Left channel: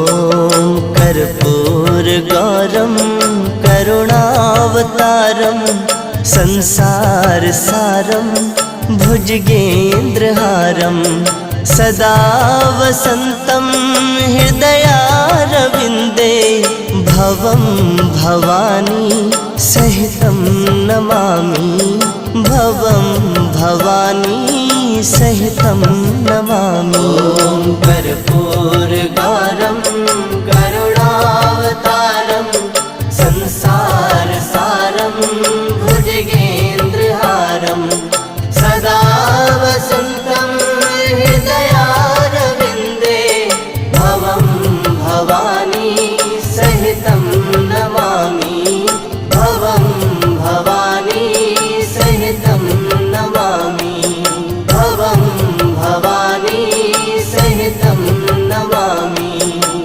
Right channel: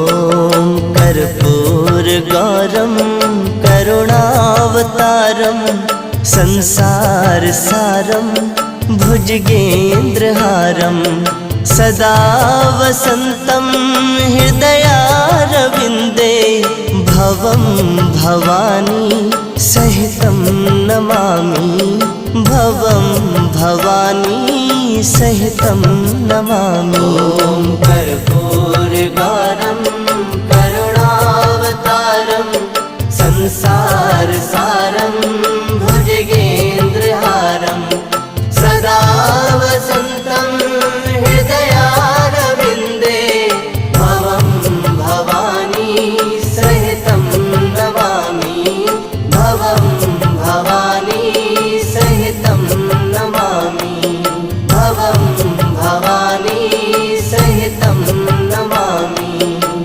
ॐ कर्पूरगौरं करुणावतारं संसारसारं भुजगेन्द्रहारं सदा वसन्तं हृदयारविन्दे भवं भवानी सहितं नमामि भवं भवानी सहितं नमामि। कर्पूरगौरं करुणावतारं संसारसारं